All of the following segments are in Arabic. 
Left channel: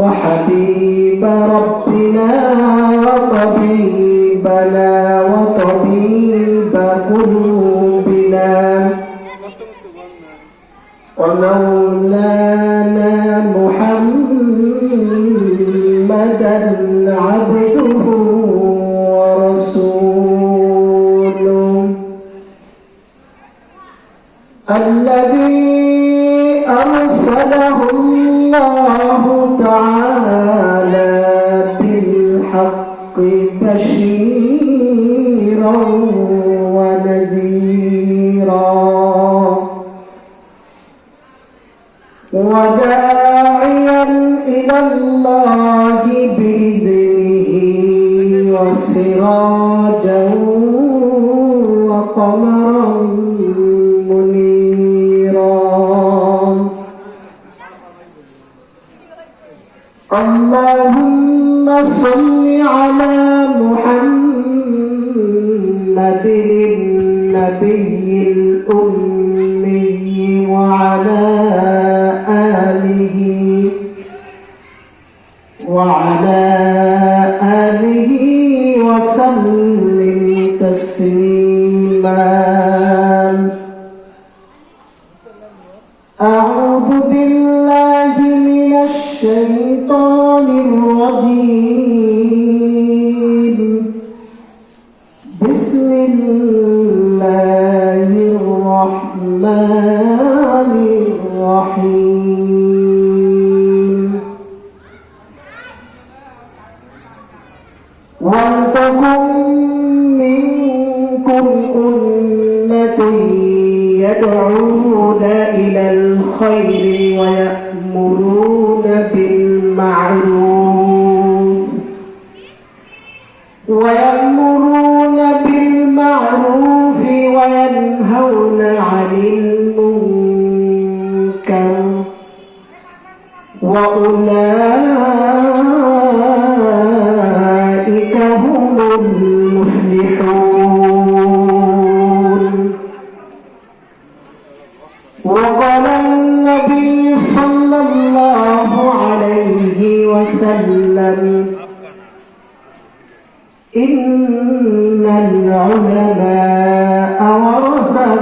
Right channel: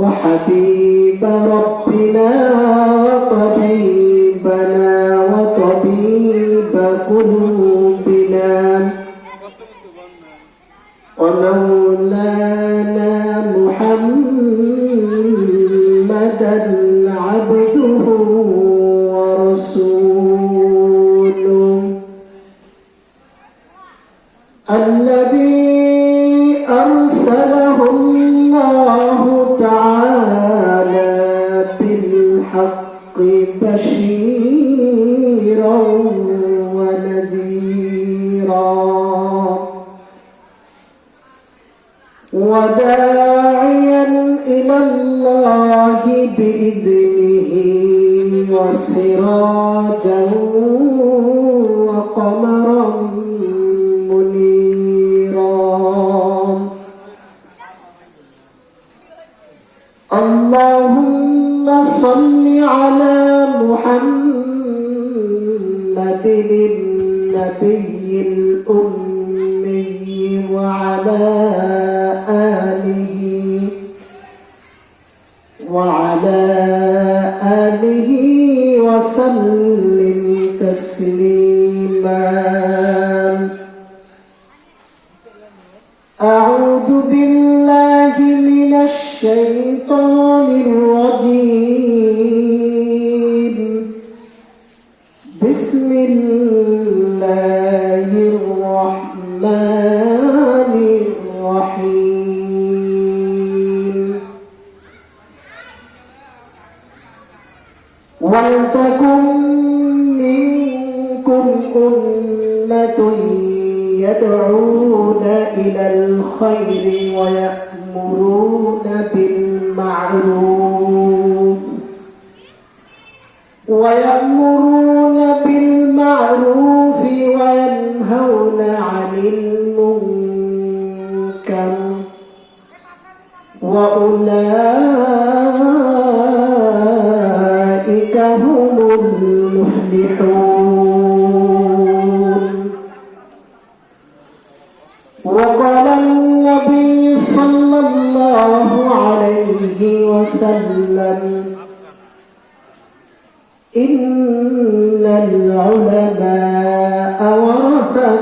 وحبيب ربنا وطبيبنا وطبيب قلوبنا ومولانا محمدا عبده ورسوله الله النبي الأمي وعلى آله وعلى آله وسلم تسليما أعوذ بالله من الشيطان الرجيم يدعونا إلى الخير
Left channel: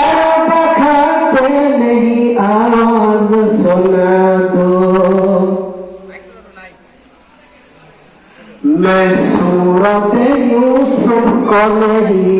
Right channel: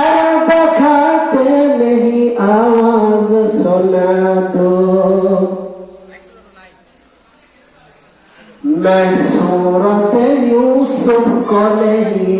मैं सूरत तो। right यूसुफ को नहीं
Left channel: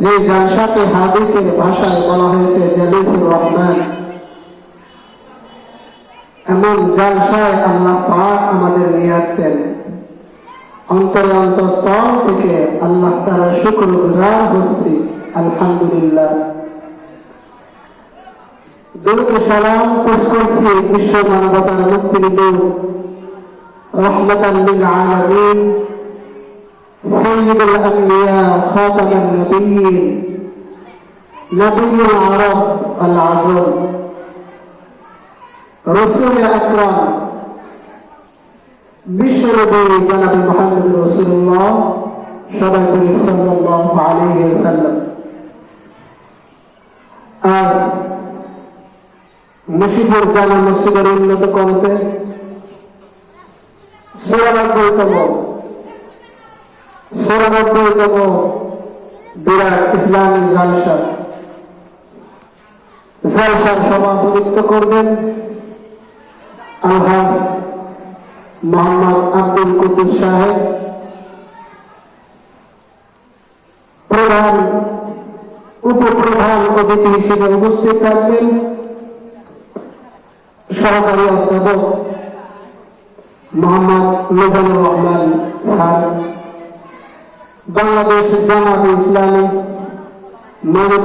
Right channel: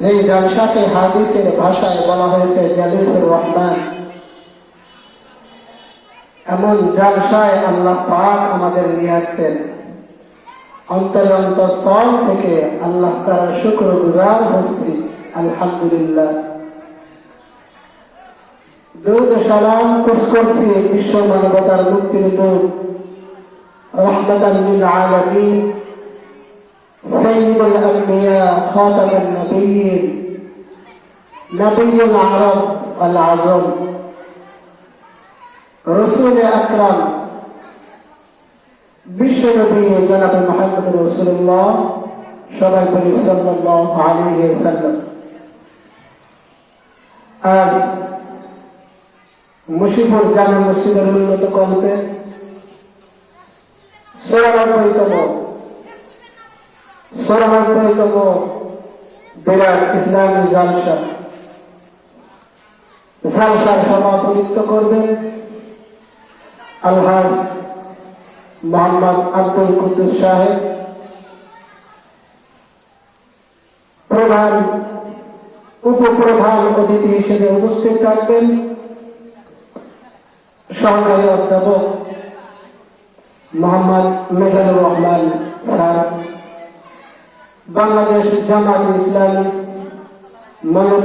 যে জলসাকে হাদিসের ভাষায় দেওয়া হয়েছে জলিসের রহমান এমন জলসায় আল্লাহ পাক আমাদের নিয়ে আসছেন অন্তরান্ত স্তর থেকে আল্লাহ তার শুক্র গুজার হচ্ছি আলহামদুলিল্লাহ দুর্গ সালাম পুষ্পসি বিশ্ব মানবতার মুক্তি দিতে রহমত আলমিন আলমিন سيد الأنبياء خاتم النبيين نبي العرب العظيم رسول أكرم بشر بن جلد محمد رسول الله شرف صلى الله عليه وسلم আজ মুসিবর জানা মুসিবরের উন্নত কমতে সেরা সর্বপ্রথম বিরাট ইসলামী জনতা সভাপতিত্ব করবেন আলহাজ মোহাম্মদ আব্দুল কুতুব সাহেব প্রধান উপপ্রধান অতিথি হিসেবে উপস্থিত থাকবেন সহকারী অধ্যাপক মোহাম্মদ মোহাম্মদ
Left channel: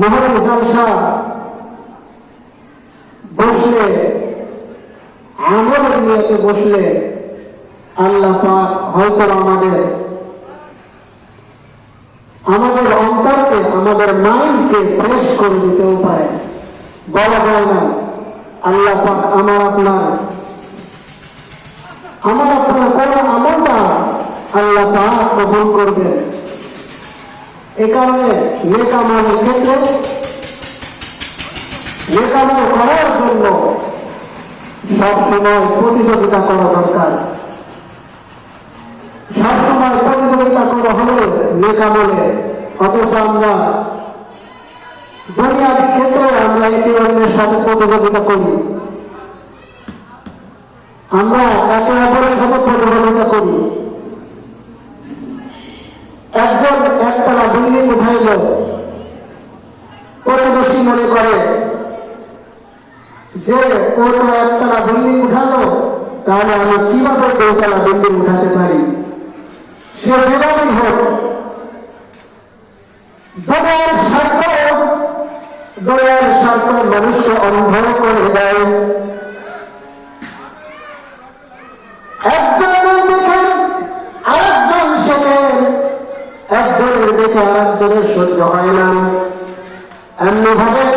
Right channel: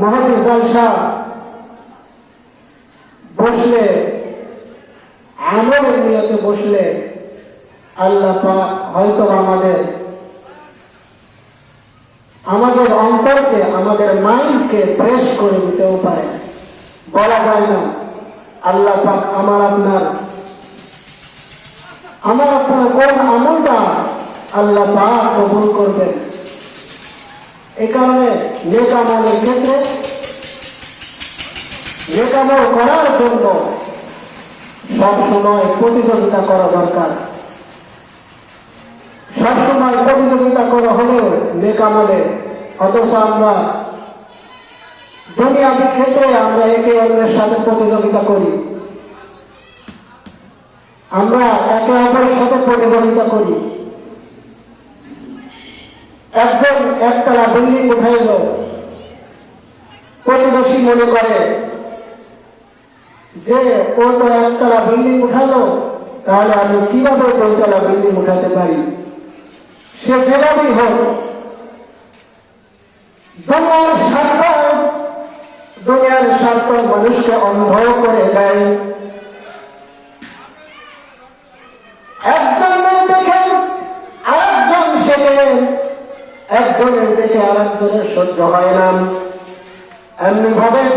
महरम दर्जा बसले बसले আল্লাহ পাক কবুল করবেন এখানে নেতা মানুষ আমরা দুনিয়ার ক্ষেত্রে আমরা একে অন্যের সাথে করি আমরা একে অপরের সাথে করি একজন একতলা বিল্ডিং উঠে গেল কোনো দোষী মনে করে যে কোনো একতলা বিল্ডিং উঠাল তাহলে আমি কিভাবে দুতলা বিল্ডিং উঠাতে পারি সে যেভাবেই হোক দয়ার স্বার্থ মানুষকে অন্ধ করে দেয় একজনের দেখে আরেকজন সহ্য হয় না ভাবে